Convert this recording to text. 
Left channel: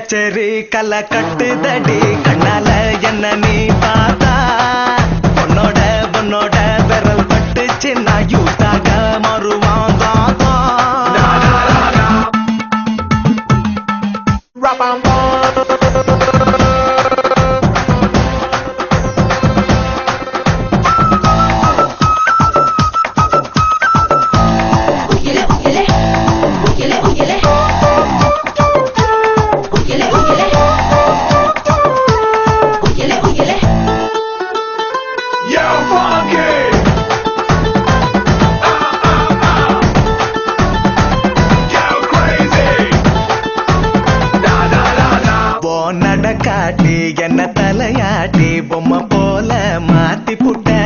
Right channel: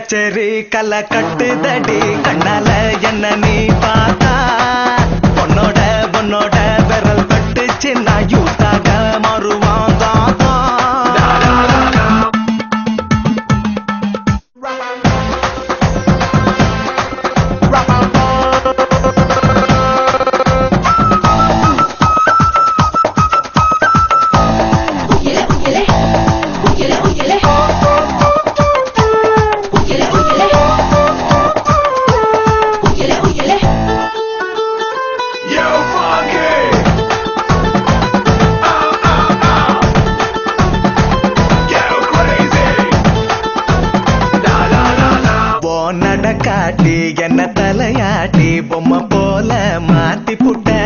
கச்சேரி கலை கட்டுதடி கண்ணால என்ன நீ பார்த்தா பொண்ணோட பொண்ணோட விரல் பட்டுச்சு நான் யூத்தாக மாறுவான் தாத்தா நடக்காட்டி என்ன தலையாட்டி பொம்மை போல மாத்தி புட்ட